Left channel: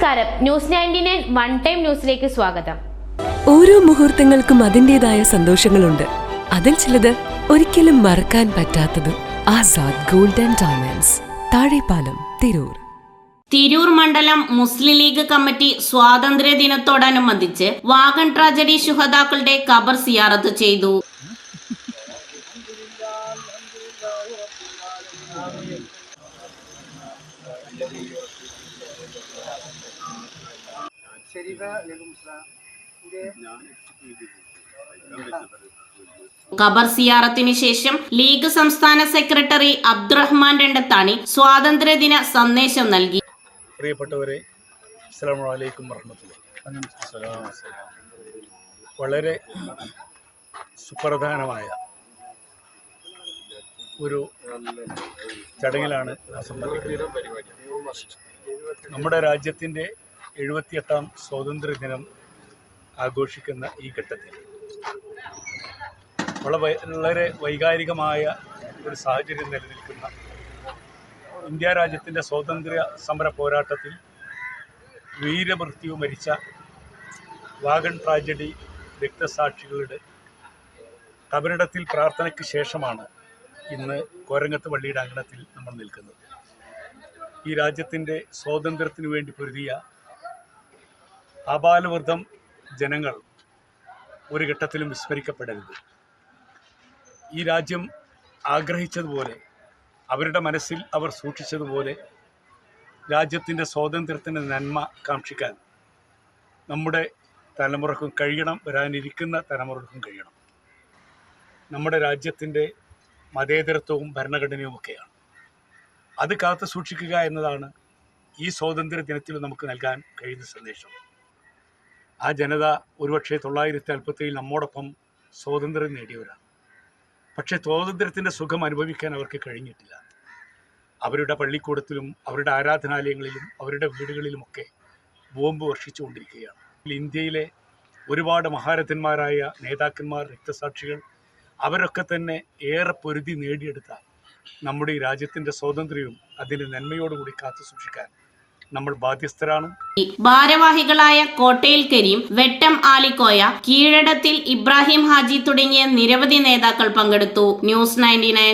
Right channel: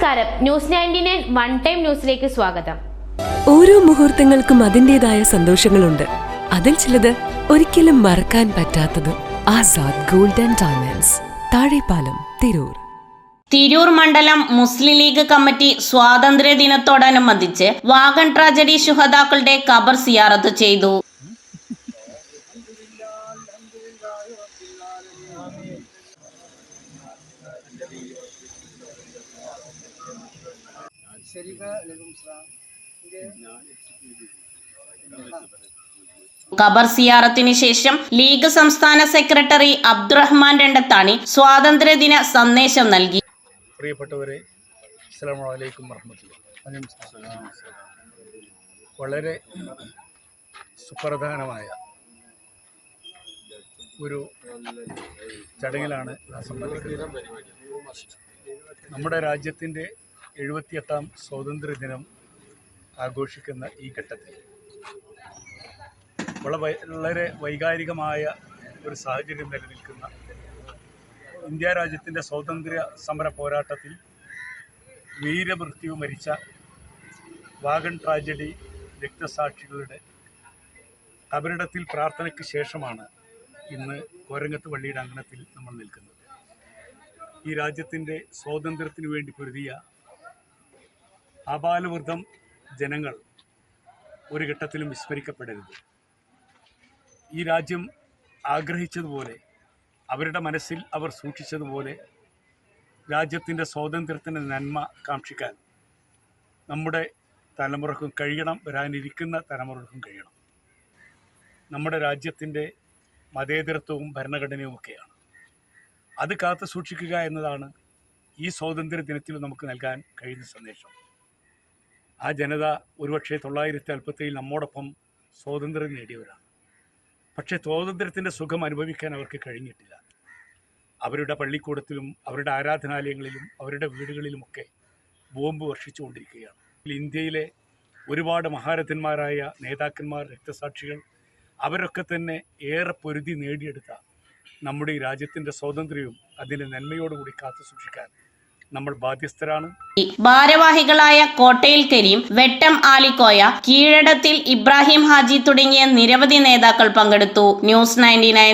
നമസ്കാരം, news 99 one time ന്യൂസിലേക്ക് സ്വാഗതം. ഓരോ മുഹൂർത്തങ്ങൾക്കും അതിൻ്റെതായ സന്തോഷങ്ങളുണ്ട്. അതിൽ ചിലത് ഒരിക്കലും മറക്കാൻ പറ്റാത്തതും. Azad gold and diamonds, Thazhepalam, Tirur. Tirur മണ്ഡലം മുസ്ലിം ലീഗ് കമ്മിറ്റി സ്വാതന്ത്ര്യ ദിനത്തോടനുബന്ധിച്ച് വാഗൺ ട്രാജഡി ശുഹദാക്കളുടെ ഖബർ സിയാറത്ത് ചെയ്തു. ഖബർ സിയാറത്തിന് ശേഷം ലീഗ് സംസ്ഥാന സെക്രട്ടറി അബ്ദുറഹ്മാൻ രണ്ടത്താണി സ്വാതന്ത്ര്യദിന സന്ദേശം നൽകി. പ്രിയപ്പെട്ടവരെ, അസ്സലാമു അലൈക്കും വറഹ്മത്തുള്ളാഹി. വളരെ സുപ്രധാനമായ ഒരു ചടങ്ങിലാണ് സംബന്ധിക്കുന്നത്. നമ്മുടെ രാജ്യത്തിൻ്റെ 78ാം സ്വാതന്ത്ര്യദിനം ആഘോഷിക്കുന്ന ഈ ഘട്ടത്തിൽ വളരെ വൈകാരികമായ ഒരു സാഹചര്യം നിലനിൽക്കുന്ന ഇന്ത്യ രാജ്യത്തിൻ്റെ സ്വാതന്ത്ര്യ സമര പോരാട്ടത്തിൽ വീരമൃത്യു മരിച്ച വാഗൺ ട്രാജഡി രക്തസാക്ഷികളുടെ ഖബറിടത്തിൽ പ്രാർത്ഥനയ്ക്ക് ശേഷമാണ് ഇന്ന് കോരങ്ങത്ത് പള്ളിയുടെ അങ്കണത്തിൽ നമ്മൾ നിൽക്കുന്നത്. ഈ രാജ്യത്തിൻ്റെ സ്വാതന്ത്ര്യത്തിനു വേണ്ടി പൊരുതിയ ആബാലവൃദ്ധം ജനങ്ങൾ ഒരു ഘട്ടത്തിലും വിസ്മരിക്കപ്പെടരുത്. ഈ രാജ്യം ആഗ്രഹിച്ചതുപോലെ, അവരുടെ മനസ്സിൽ അവർ സൂക്ഷിച്ചതുപോലെ രാജ്യത്തിൻ്റെ സ്വാതന്ത്ര്യത്തിൻ്റെ നന്മ കാക്ഷിക്കാൻ നമ്മുടെ തലമുറക്കും കഴിയണം, വരാനിരിക്കുന്ന തലമുറക്കും കഴിയണം. നമ്മുടെ രാജ്യത്തിൻ്റെ മതേതരത്വവും ഭരണഘടനയുമൊക്കെയാണ്. അത് കാത്തു സൂക്ഷിക്കുക എന്നതാണ് ഈ സ്വാതന്ത്ര്യ ദിനത്തിൽ നമുക്ക് നൽകാൻ കഴിയുന്ന സന്ദേശം. ആ ജനത ഒരുപക്ഷെ 1947 നമ്മോടൊപ്പം സ്വാതന്ത്ര്യം നേടിയവരാണ്. പക്ഷേ സ്വാതന്ത്ര്യത്തിൻ്റെ സുഖം അനുഭവിക്കാൻ അവർക്ക് കഴിഞ്ഞിട്ടില്ല. അവരുടെ പള്ളിക്കൂടത്തിലും അവരുടെ ആരാധനാലയങ്ങളിലും അവരുടെ വീടുകളിലുമൊക്കെ ബോംബ് വർഷിച്ചുകൊണ്ടിരിക്കുകയാണ്. ഇന്ത്യയിലെ ഒരുപാട് മഹാരഥന്മാരായ നേതാക്കന്മാർ, രക്തസാക്ഷികൾ, അവരൊക്കെ തന്നെ ഏറെ പൊരുതി നേടിയെടുത്ത നമ്മുടെ ഈ രാജ്യത്തിൻ്റെ സ്വാതന്ത്ര്യവും അതിൻ്റെ നന്മയോടുകൂടി കാത്തു സൂക്ഷിക്കാൻ നമ്മൾ ബാധ്യസ്ഥരാണ്. ഭാരവാഹികളായ കോട്ടയിൽ കരീം, വെട്ടം ആലിക്കോയ, കീഴടത്തിൽ ഇബ്രാഹിം ഹാജി തുടങ്ങിയ നിരവധി നേതാക്കൾ പങ്കെടുത്തു. ന്യൂസ് 99.